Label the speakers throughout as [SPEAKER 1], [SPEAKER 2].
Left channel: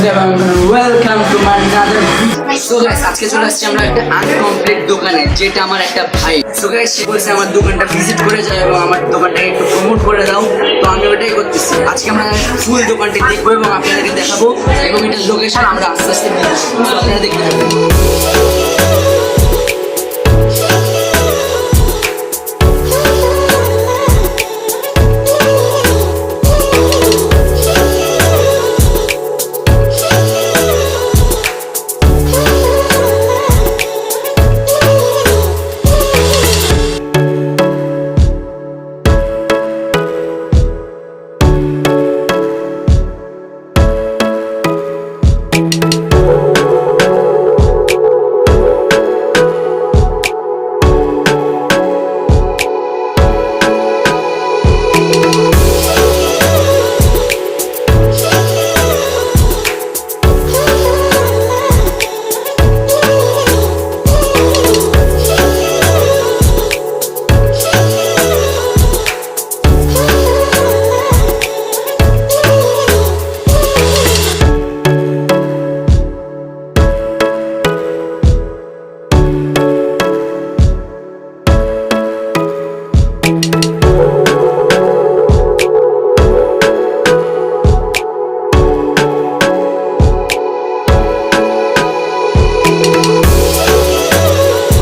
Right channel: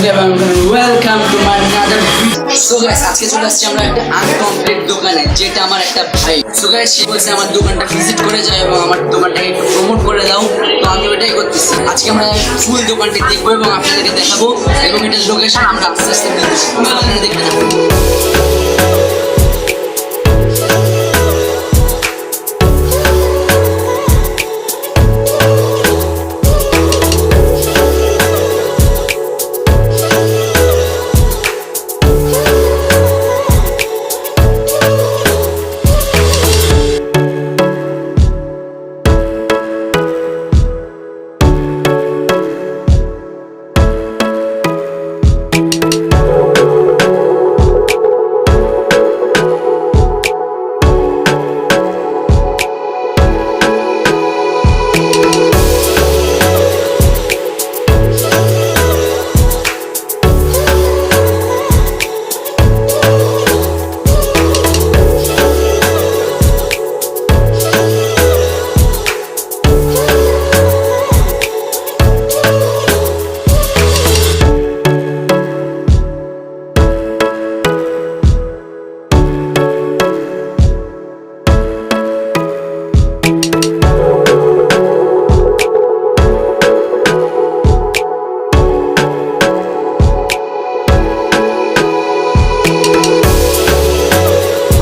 [SPEAKER 1] Welcome so guys আজকে চলে আসছি আমরা একটা আনকমপ্লিট দোকানে, যেটা আমার একটা ভাই। সো গাইস সে বলছে, আমার দোকানটা ভিজিট করে যাও এবং আমার দোকানটাকে একটু প্রমোট করে দাও। তো আমি ওটাই করতেছি। আজকে আমরা ফুল দোকানটি দেখব এবং আপনাদেরকে দেখাবো এবং এটার লোকেশন আমরা আস্তে আস্তে তো আপনারা দেখতে থাকুন।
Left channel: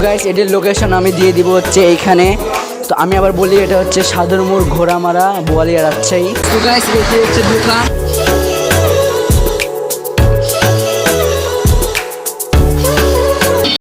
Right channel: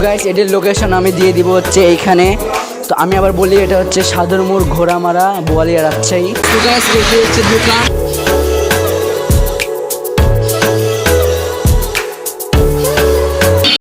[SPEAKER 1] গাইস এটির লোকেশন আমি দিয়ে দিব হচ্ছে এইখানে। তো আমি আবার বলি, এটা হচ্ছে সাধুর সাদরমুর ঘোড়ামারা বোয়ালিয়া রাজশাহী। তো গাইস এটি হচ্ছে দোকান।